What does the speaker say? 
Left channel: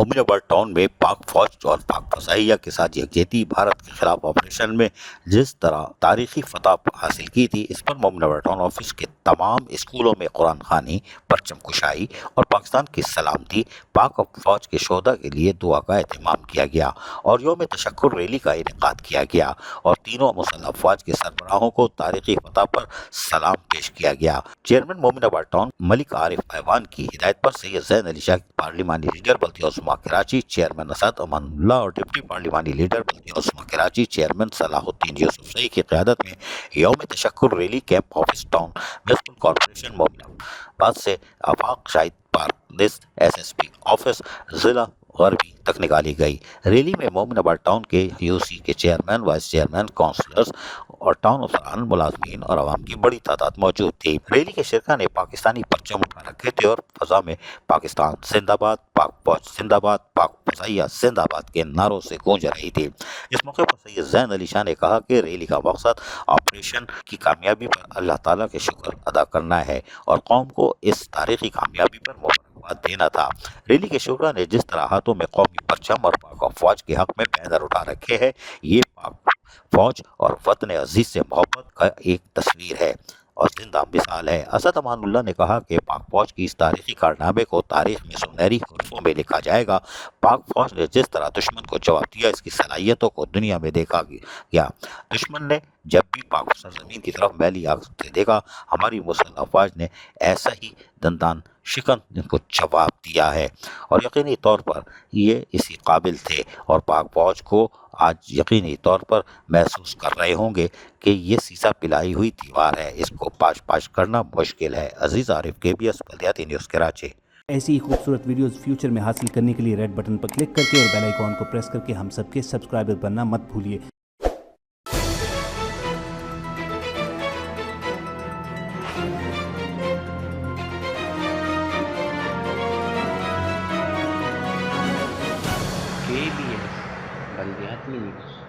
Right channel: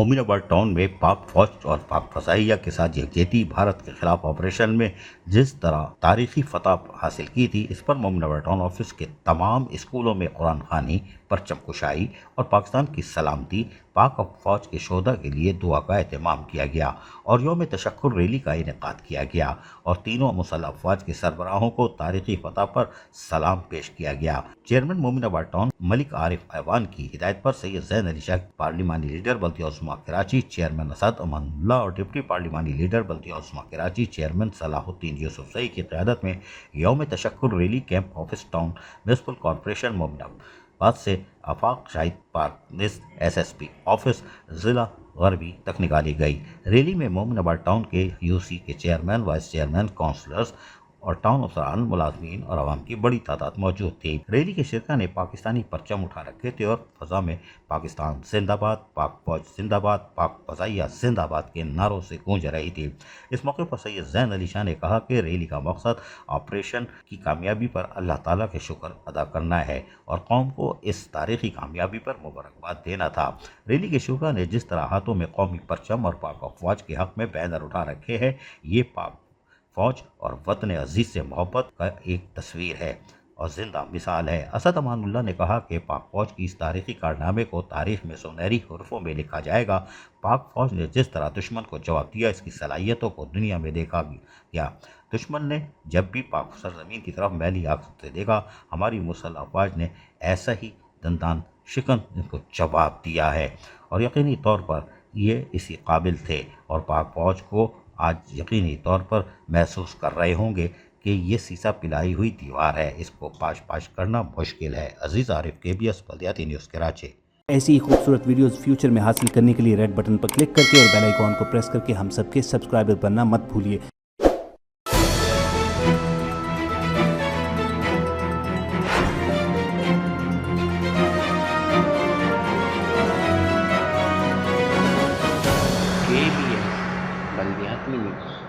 Mominabad town में पाक फौज और पाक फसाइया के साथ यकजहती भारत के खिलाफ ऑपरेशन में जिस तरह तारीखी फतह हासिल की थी, इस पर मोमिनाबाद टाउन ऑफिस के तमाम स्कूलों में कुरान खानी, परचम कुशाई और पाकिस्तान की सलामती, पाक फौज के शोधा के लिए दुआ का एहतमाम किया गया और यौम तशक्कुर रैली का इनेकाद किया गया और तीनों मुसल्लह अफवाज के सरबराहों को तारीखी फतह पर सलाम पेश किया गया। चेयरमैन मोमिनाबाद टाउन मलिक आरिफ ऐवान की हिदायत पर सैयद ज़ैन अली शाह पार्लिमानी लीडर बल्दिया उस्मा कराची, चेयरमैन असद अमानुल्लाह और डिप्टी पार्लिमानी लीडर बल्दिया उस्मा कराची, चेयरमैन सलाहुद्दीन यूसुफ सई की क़यादत में यौम तशक्कुर rally camp office town municipal corporation Mominabad से Afaq Shahid park SSP office ज़िला गरबी तक निकाली गई। रैली में मोमिनाबाद टाउन के UC के चेयरमैन, वाइस चेयरमैन, काउंसलर्स और टाउन अफसरान, मुलाजमीन और आवाम की बड़ी तादाद मौजूद थी। रैली के शिरका ने पाकिस्तानी परचम उठा रखे थे और फजा में पाकिस्तान जिंदाबाद, पाक फौज जिंदाबाद, पाक फजाइया जिंदाबाद के नारों से गूंज रही थी। इस मौके पर सैयद ज़ैन अली शाह ने कहा कि रैली का मकसद ऑपरेशन की कामयाबी पर अल्लाह ताला के शुक्र अदा करना है और कौम को इस तारीखी कामयाबी पर मुबारकबाद देना था। रैली के शुरा ने जिस तरह हाथों में कौमी परचम और पाक फौज के हक में बैनर उठा रखे हैं, ये पाक फौज और वतन अजीज से मोहब्बत का एक तस्वीर है और जिंदा मिसाल है। असद अमानुल्लाह ने कहा कि पाक फौज की इस तारीखी कारनामे को तारीख में सुनहरी हरफों में लिखा जाएगा। पाक फौज ने जिस तरह दुश्मन को जवाब दिया, इसकी सलाहियतों को दुनिया में देखा गया। दुश्मन ने जब भी पाक सरजमीन की तरफ मैली आंख से देखा, हमारी मुसल्लह अफवाज ने ऐसा ही दंदान शिकन इनको जवाब दिया है और यकीनी तौर पर ये इसी काबिल थे और पाक फौज को आज यकीनी तौर पर महसूस कर रहे होंगे कि ये सीसा पिलाई हुई दीवार है, इसको पाश पाश करना मुश्किल है। अजीज़ आरिफ, KBS बल्दियाती न्यूज़ कराची। ऐसी ही खूबसूरत वीडियोस फ्यूचर में हासिल करने के लिए रेड बटन पर क्लिक करके और बेल आइकॉन को प्रेस करके हम सबके सब्सक्राइबर बनना मत भूलिए। KBS बल्दियाती न्यूज़।